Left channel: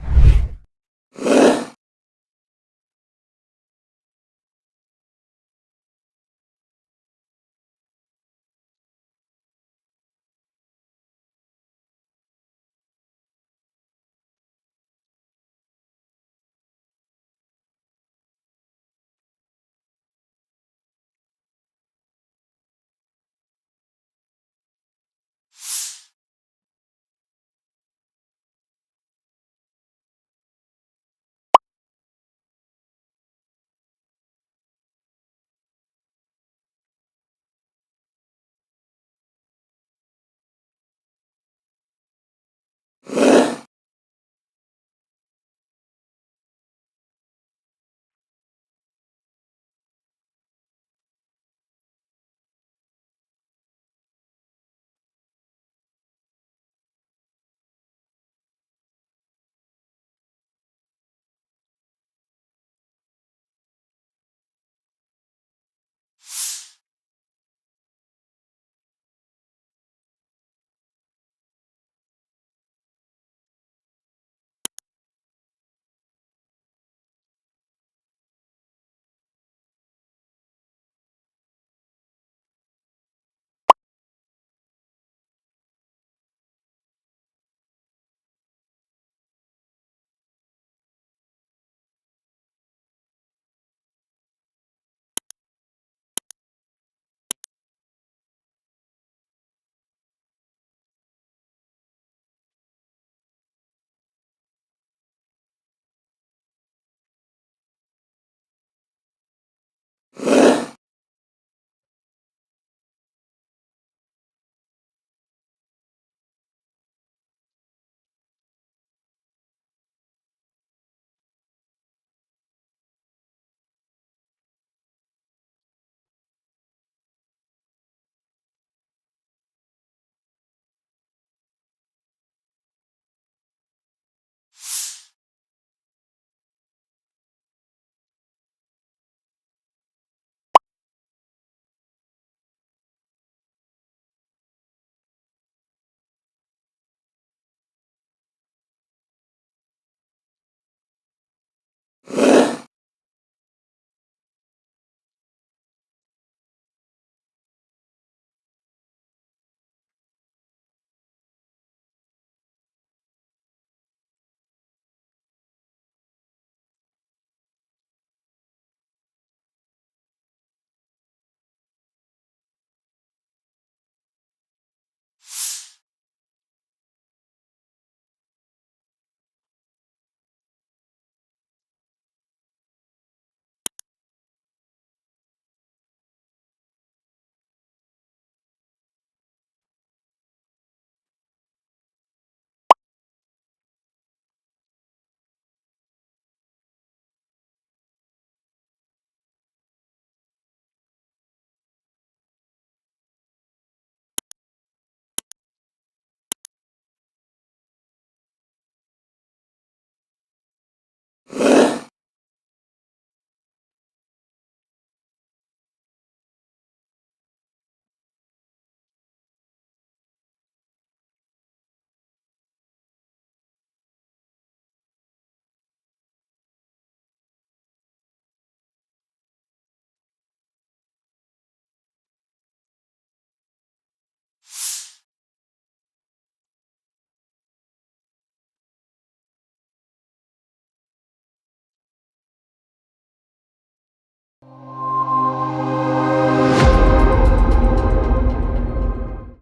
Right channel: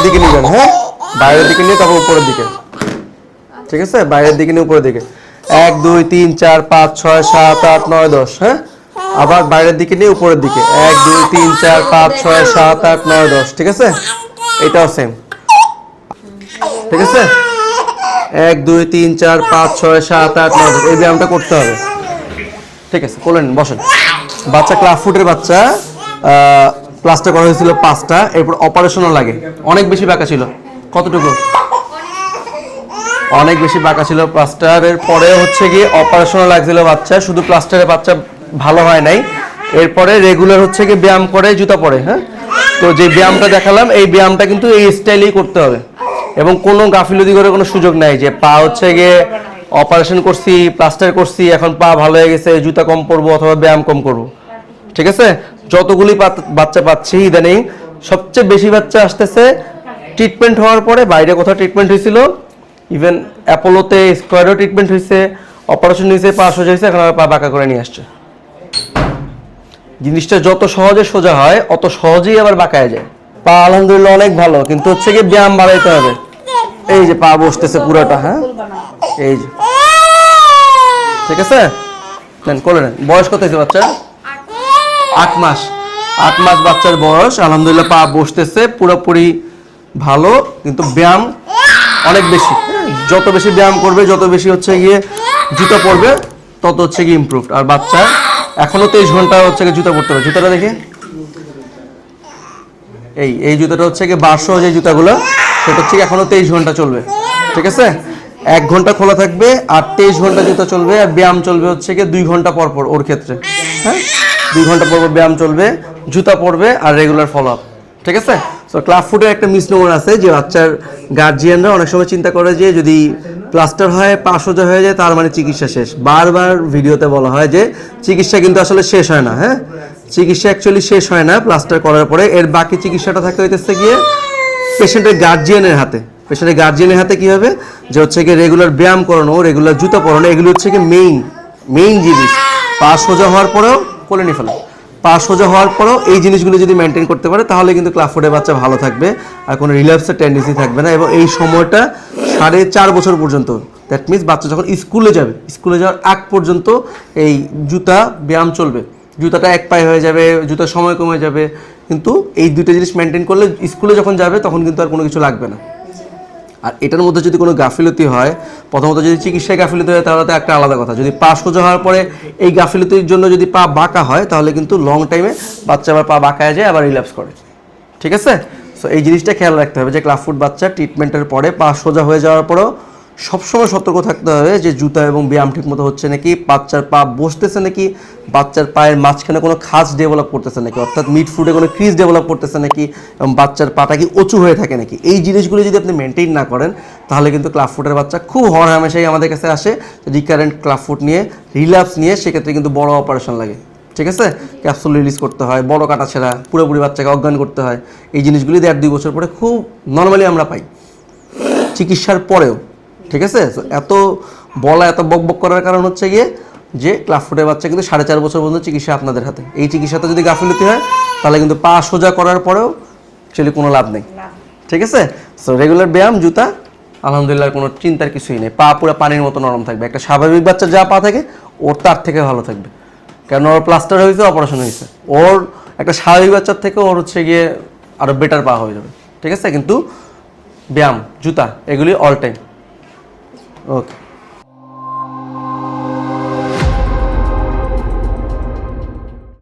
বাইরের দিকে নিবেন হ্যাঁ? বাইরের দিকে নিয়ে তারপর উপরের দিকে। ঠিক আছে? বাইরের দিকে নিয়ে উপরের দিকে। এক, দুই, তিন, চার, পাঁচ, ছয়, সাত, আট, নয়, দশ হ্যাঁ? আবার বাইরের দিকে নিয়ে উপরের দিকে। এক, দুই, তিন, চার, পাঁচ, ছয়, সাত, আট, নয়, দশ, ঠিক আছে? এটাও সেম ঠিক আছে? এক, দুই, তিন, চার, পাঁচ, ছয়, সাত, আট, নয়, দশ, এই ব্যায়ামটা করতে হবে। ঠিক আছে করলেন বসেন। বাচ্চা ক্লাস ফুটের বাচ্চা প্লাস্টার করা হয়েছিল পাঁচটা, এরপর অপারেশনও লাগে। অনেক বেশি বাঁকা ছিল। কতটুকু? অনেক বেশি বাঁকা ছিল প্লাস্টারের পরে হচ্ছে গিয়ে অপারেশনও লাগছিল বাচ্চা, শুধু প্লাস্টারের বাচ্চা ভালো হয় নাই। এরপরে রেগুলার হচ্ছে গিয়ে ব্যায়াম করে, জুতা পরে হ্যাঁ? তো যে ব্যায়ামটা দেখালাম, এই ব্যায়ামটা কিন্তু এই স্টাইলেই করতে হবে। এবং কোনো গাফিলতি করে কোনো সুযোগ নাই যে পা হচ্ছে গিয়ে অপারেশন করছি প্লাস্টার করছি, এখন পা ভালো হয়ে গেছে, জুতা কম পরবো অথবা ব্যায়াম কম করব। ঠিক আছে? যতগুলি বাচ্চা পাচ্ছি ইদানিং, সবচেয়ে বেশি বাচ্চা আসতেছে ট্রিটমেন্ট হওয়ার পরে, বাইরে কোথাও ট্রিটমেন্ট হয়েছিল। ইভেন অ্যাপোলোতে স্কোয়ারও ট্রিটমেন্ট হয়েছে অপারেশন হয়েছে, পা সোজা হয়েছে, এখন পা বাঁকা করে নিয়ে আসছে। জিনিসটা যত সহজে সোজা হয়, অত সহজেই আবার বাঁকায় যায়। পা আলহামদুলিল্লাহ অনেক ভালো, কিন্তু হচ্ছে কি ব্যায়াম বাড়াইতে হবে। এই যে পা বসতেছে পুরোটা হ্যাঁ? এই যে। ঠিক আছে? বয়স কত হয়েছে বাচ্চা আট মাস। আট মাস বাচ্চার বয়স আলহামদুলিল্লাহ পা বসতেছে পুরোপুরি ভালো কিন্তু ব্যায়াম অনেক বেশি। হ্যাঁ, যত বেশি ব্যায়াম করবে যত বেশি হচ্ছে গিয়ে জুতো পরবে তত হচ্ছে গিয়ে ইমপ্রুভ আর বাচ্চা এখনও তেইশ ঘণ্টা হচ্ছে গিয়ে জুতো পরতে হবে জুতাটা দেখে। এই এই জুতোটা হচ্ছে গিয়ে বারশো যে জুতাগুলো সেটা হচ্ছে এখনও তেইশ ঘণ্টা চলবে। ঠিক আছে? এক ঘণ্টা খোলা থাকবে আর তেইশ ঘণ্টা জুতো চলবে আর ব্যায়াম চলবে হচ্ছে গিয়ে দুই ঘণ্টা পর পর ওর ক্ষেত্রে। হ্যাঁ? দুই ঘণ্টা পর ব্যায়াম চলবে, জুতা পরবে আর রেগুলার ফলো আপ ঠিক আছে? তো ক্লাব ফুডের একটা মিস মিসনোমার আছে যে বাচ্চার গার্জিয়ানরা অনেক সময় চিন্তা করে যে যদি প্লাস্টার হয়, পা সোজা হয়ে যায়, তার মানে চিকিৎসা শেষ। বারবার ভিডিওতে বলা হয় যে চিকিৎসা কিন্তু আসলে শেষ হয় না হ্যাঁ? চিকিৎসা অ্যাকচুয়ালি শেষ হয় না প্লাস্টার করার পরে। এর বাকি চিকিৎসাটা থাকে হইতেছে গিয়ে পেশেন্টের গার্জিয়ানের হাতে। পেশেন্টের গার্জিয়ানের হাতে কি হবে? যে হচ্ছে গিয়ে রেগুলার ব্যায়াম করানো রেগুলার জুতা পরানো, এগুলো হচ্ছে গিয়ে মেইন মেইন জিনিস। পা সোজা হওয়ার পরেও কোলে নিয়ে ফেলা। পা সোজা হওয়ার পরেও এই জিনিসগুলো যদি মেনটেন করতে পারে, তাহলে কিন্তু ক্লাফোর্ডের বাচ্চা ভালো থাকবে। আর কোনো রিল্যাপসের টেন্ডেন্সি থাকবে না। এবং এই সময়টা সাড়ে চার বছর পর্যন্ত দ্যাট মিনস বাচ্চা যখন স্কুলে যাবে, স্কুলে যাওয়ার আগ পর্যন্ত এই জুতা, ব্যায়াম চলবে। জুতাটা এক পায়ে হয়ে যাবে, জুতার সময় কমে যাবে। কিন্তু এই দুটো জিনিস মেনটেন করলে স্কুলে যখন যাবে, তখন কিন্তু আর কোনো কিছু লাগবে না। আর এটার মধ্যে যদি কোনো গাফিলতি হয়, প্রথমত যদি চিকিৎসায় গাফিলতি হয়, তাহলে তো একটা আলাদা কথা। যদি পা সোজা হওয়ার পরে এই গাফিলতির জন্য যদি পা বাঁকা হয়, তাহলে কিন্তু লং টাইমে বাচ্চা আবার পা বাঁকায় যায়, আবার রিল্যাপস করে। ঠিক আছে? সো এই জিনিসটা খেয়াল রাখতে হবে যে ক্লাফুট বাচ্চা ট্রিটমেন্টের পরে পা সোজা হয়ে যাওয়ার পরেও সবসময় সতর্ক থাকতে হবে যে জুতা এবং ব্যায়াম ঠিকমতো হচ্ছে নাকি, বাচ্চার পা বসতেছে নাকি, বাচ্চার পায়ের মাঝখানে কোনো খাস ডেভেলপ করতেছে নাকি, অর্থাৎ মিড ফুডে কোনো ক্রিজ ডেভেলপ করতেছে নাকি, এবং বাচ্চার পাটা কি উঁচু হয়ে থাকে নাকি, এই জিনিসগুলো যদি আপনি মেনটেন না করেন, তাহলে কিন্তু ক্লাব ফুটের বাচ্চা খুব হর হামেশাই আমাদের কাছে আসে রিকারেন্ট ক্লাব ফুট নিয়ে রিল্যাপস নিয়ে সেক্ষেত্রে কিন্তু বড় অপারেশন লাগে। ঠিক আছে? ক্যাপসুল রিলিজ করতে হয়, বড় কাটা ছেঁড়া, পুরোপুরি বাচ্চাকে অজ্ঞান করতে হয়, এই জিনিসগুলি দেড় দুই বছর পরে খুব নর্মালি আমরা পাই। চিকিৎসার পরেও ঠিক আছে? এত বলা এত বক বক করার কারণ হচ্ছে গিয়ে যে ক্লাব ফুটের বাচ্চা কিন্তু সাড়ে চার বছর পর্যন্ত চিকিৎসা আপনাদের হাতে। এই চিকিৎসাতে যদি গাফিলতি হয় তাহলে কিন্তু পা সোজা করার পরেও অ্যাকচুয়ালি কোনো লাভ নেই। ঠিক আছে? সো রেগুলার ব্যায়াম জুতা আলহামদুলিল্লাহ কোনো চিন্তার কিছুই নেই। পা পুরো পানির মতো নরম থাকবে। একটা স্বাভাবিক বাচ্চা যা পা থাকে ওর তার থেকে ভালো থাকবে। কারণ ওর প্লাস্টার হয়েছে অপারেশন হয়েছে। ওর একটা স্বাভাবিক বাচ্চার থেকে ওর হচ্ছে গিয়ে আরও বেটার পা হয়ে যাবে। ঠিক আছে? কিন্তু ব্যায়াম জুতা এগুলি অল টাইম okay.